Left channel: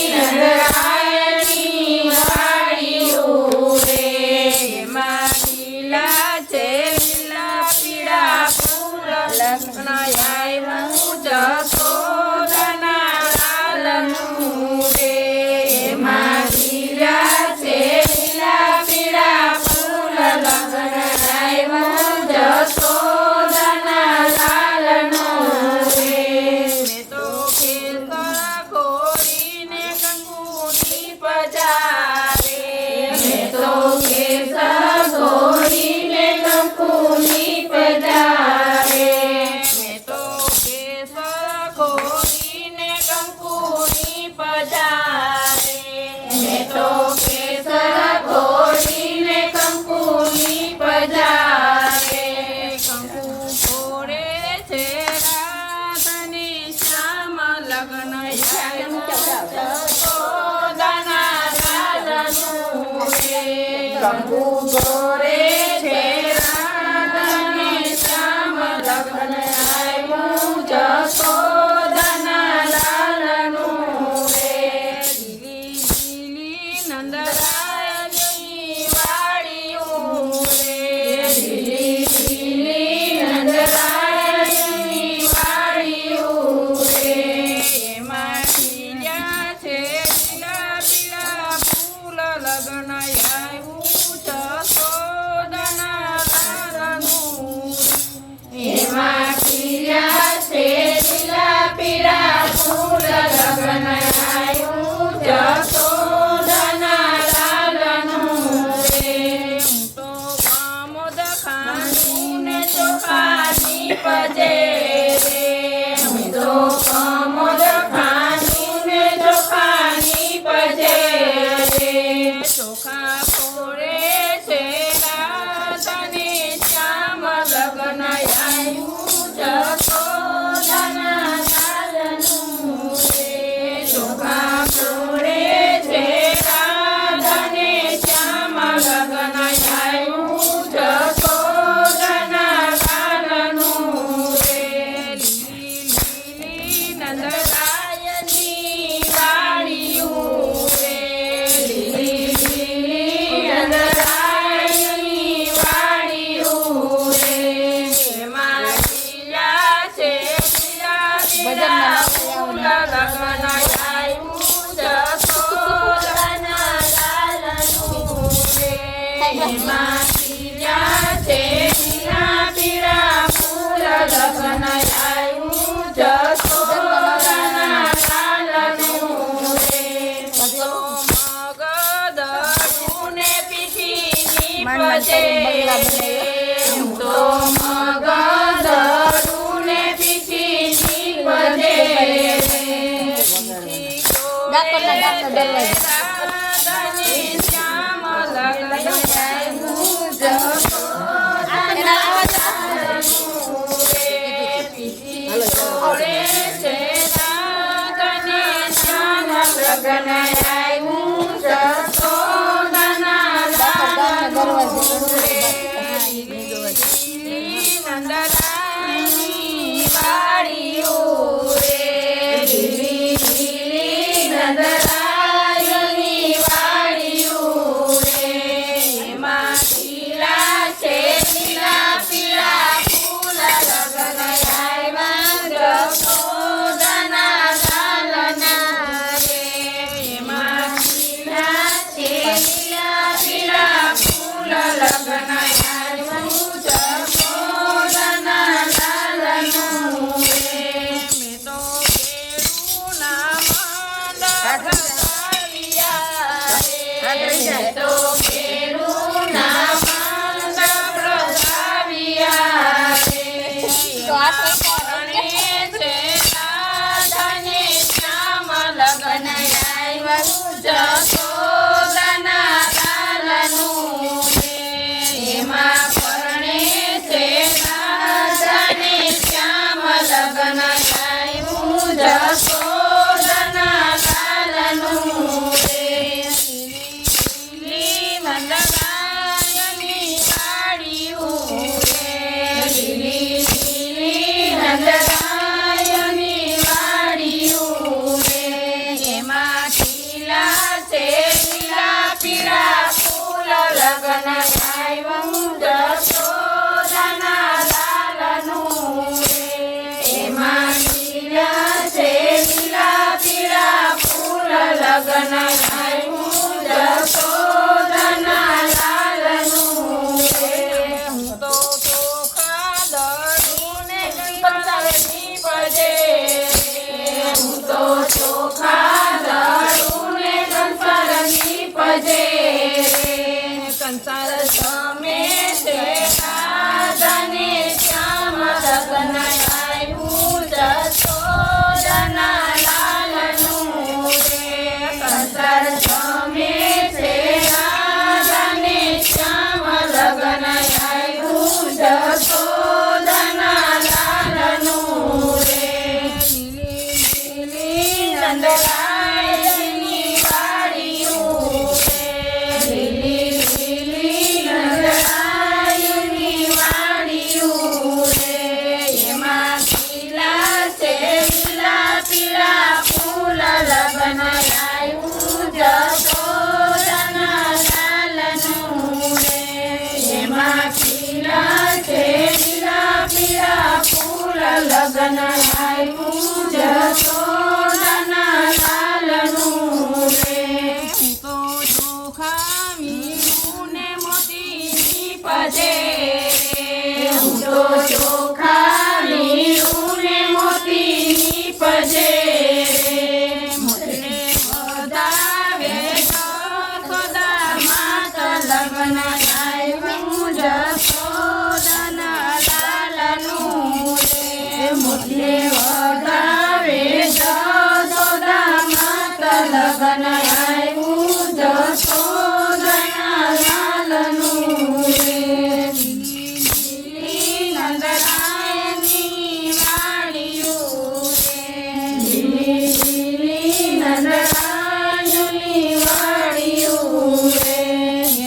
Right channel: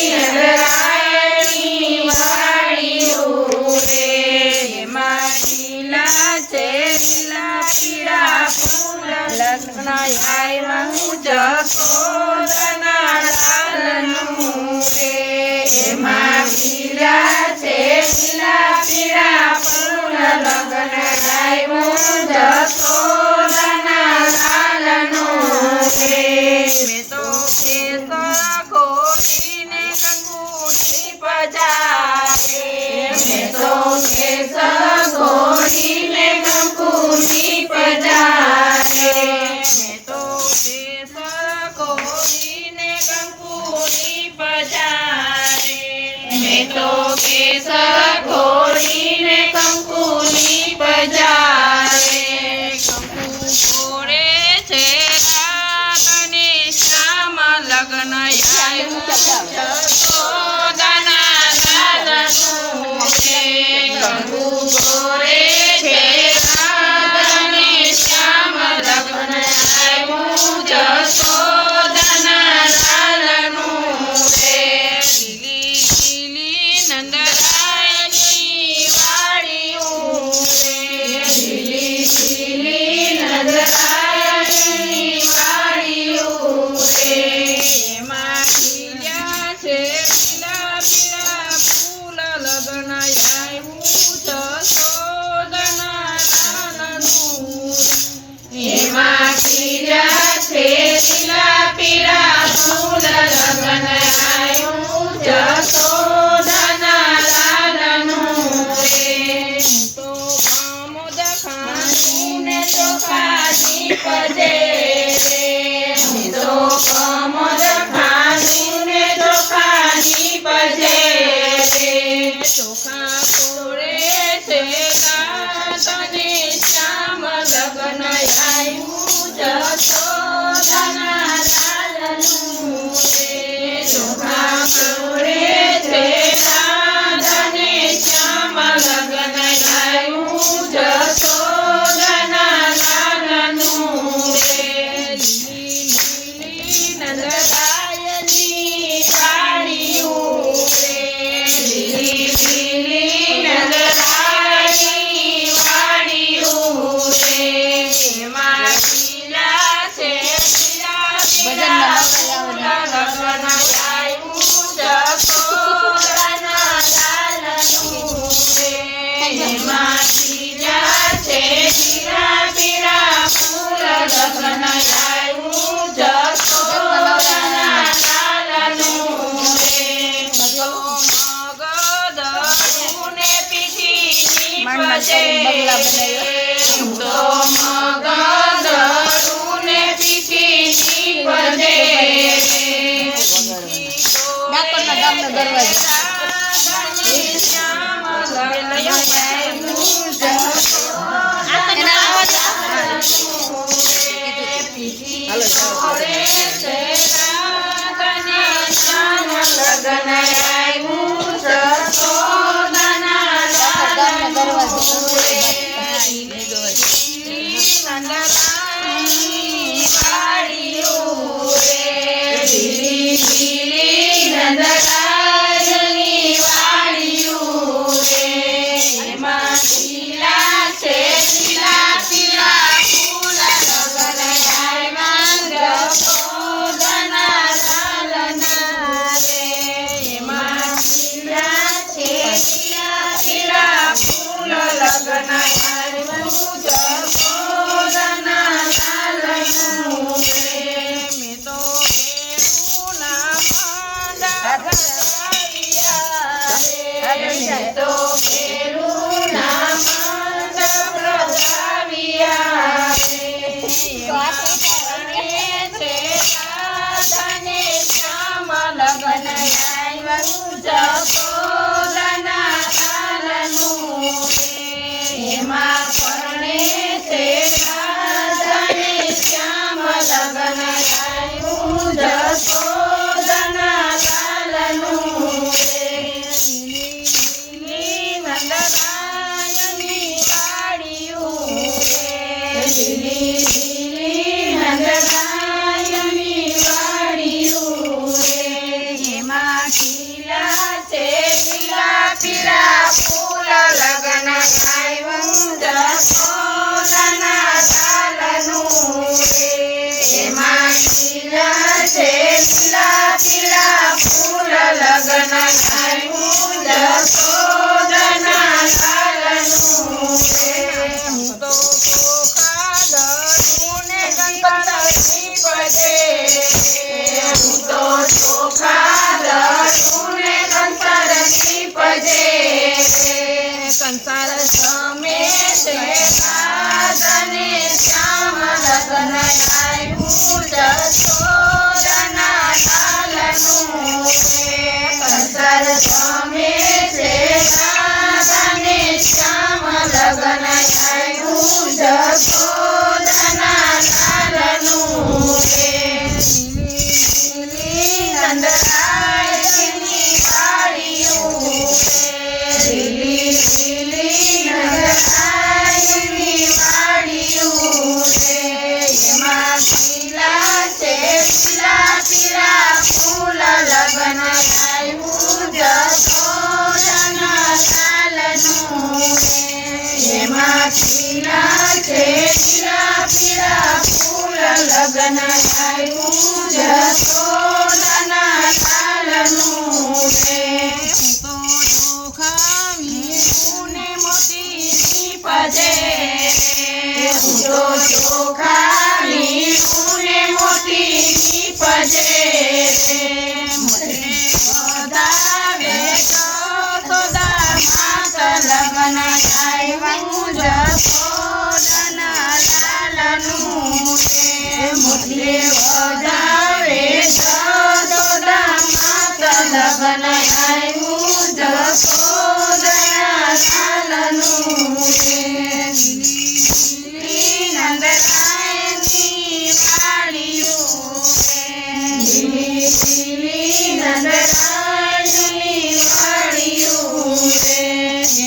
નંદરાયની વાડીયું રે એમાં લીલા છે લીલા પીળા ફૂલ લગ્ન આવ્યું જશોદાના લાલનું રે એમાં લીલા છે લીલા પીળા ફૂલ લગ્ન આવ્યું જશોદાના લાલનું રે મેં તો કેસર ઘોડીને કંકુની પજારે મેં તો કેસર ઘોડીને કંકુની પજારે મેં તો કેસર ઘોડીને કંકુની પજારે મેં તો કેસર ઘોડીને કંકુની પજારે કંકુ ઘોડે છે રાધાને શ્યામ લગ્ન આવ્યું જશોદાના લાલનું રે કંકુ ઘોડે છે રાધાને શ્યામ લગ્ન આવ્યું જશોદાના લાલનું રે લીલી લીલી નંદરાયની વાડીયું રે લીલી લીલી નંદરાયની વાડીયું રે એમાં ખીલ્યા છે લીલા પીળા ફૂલ લગ્ન આવ્યું જશોદાના લાલનું રે એમાં ખીલ્યા છે લીલા પીળા ફૂલ લગ્ન આવ્યું જશોદાના લાલનું રે હું તો કામોદ ખાનીને ચોખાની પજે રે હું તો કામોદ ખાનીને ચોખાની પજે રે ચોખા ફોડે છે ગાતને શ્યામ લગ્ન આવ્યું જશોદાના લાલનું રે ચોખા ફોડે છે ગાતને શ્યામ લગ્ન આવ્યું જશોદાના લાલનું રે લીલી લીલી નંદરાયની વાડીયું રે લીલી લીલી નંદરાયની વાડીયું રે એમાં લીલા છે લીલા પીળા ફૂલ લગ્ન આવ્યું જશોદાના લાલનું રે એમાં લીલા છે લીલા પીળા ફૂલ લગ્ન આવ્યું જશોદાના લાલનું રે તો મગદળુને પીઠીની પજે તો મગદળુને પીઠીની પજે રાધાને શ્યામ લગ્ન આવ્યું જશોદાના લાલનું રે પીઠી ઘોડે છે રાધાને શ્યામ લગ્ન આવ્યું જશોદાના લાલનું રે લીલી લીલી નંદરાયની વાડીયું રે લીલી લીલી નંદરાયની વાડીયું રે એમાં લીલા છે લીલા પીળા ફૂલ લગ્ન આવ્યું જશોદાના લાલના રે એમાં લીલા છે લીલા પીળા ફૂલ લગ્ન આવ્યું જશોદાના લાલનું રે મેં તો કેરું ના માંડા પ્રજાવ્યા રે મેં તો કેરું ના માંડા પ્રજાવ્યા રે એમાં પરણે છે રાધાને શ્યામ લગ્ન આવ્યું જશોદાના લાલનું રે એમાં પરણે છે રાધાને શ્યામ લગ્ન આવ્યું જશોદાના લાલનું રે લીલી લીલી નંદ આવ્યું જશોદાના લાલનું રે. એમાં લીલા છે લીલા પીળા ફૂલ લગ્ન આવ્યું જશોદાના લાલનું રે. હું તો ચોખા દળું ને ગણપતની ભજે. હું તો ચોખા દળું ને ગણપતની ભજે. કંસાર સમે તે સાધને શ્યામ લગ્ન આવ્યું જશોદાના લાલનું રે. કંસાર સમે તે સાધને શ્યામ લગ્ન આવ્યું જશોદાના લાલનું રે. લીલી નંદરાયની વાડીયું રે. લીલી નંદરાયની વાડીયું રે. એમાં લીલા છે લીલા પીળા ફૂલ લગ્ન આવ્યું જશોદાના લાલનું રે. એમાં લીલા છે લીલા પીળા ફૂલ લગ્ન આવ્યું જશોદાના લાલનું રે. હું તો ચોખા વીરું ને મોતીની ભજે. હું તો ચોખા વીરું ને મોતીની ભજે. મને વધાવે જશોદા માત લગ્ન આવ્યું જશોદાના લાલનું રે. મુરલે વધાવે જશોદા માત લગ્ન આવ્યું જશોદાના લાલનું રે. લીલી નંદરાયની વાડીયું રે. લીલી નંદરાયની વાડીયું રે.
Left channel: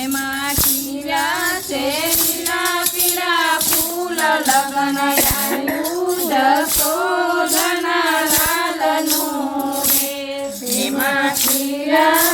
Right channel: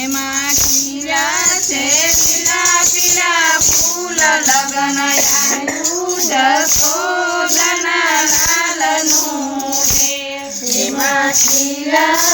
એમાં ખીરા છે લીલા પીળા ફૂલ લગ્ન આવ્યું જશોદાના લાલનું રે. એમાં ખીરા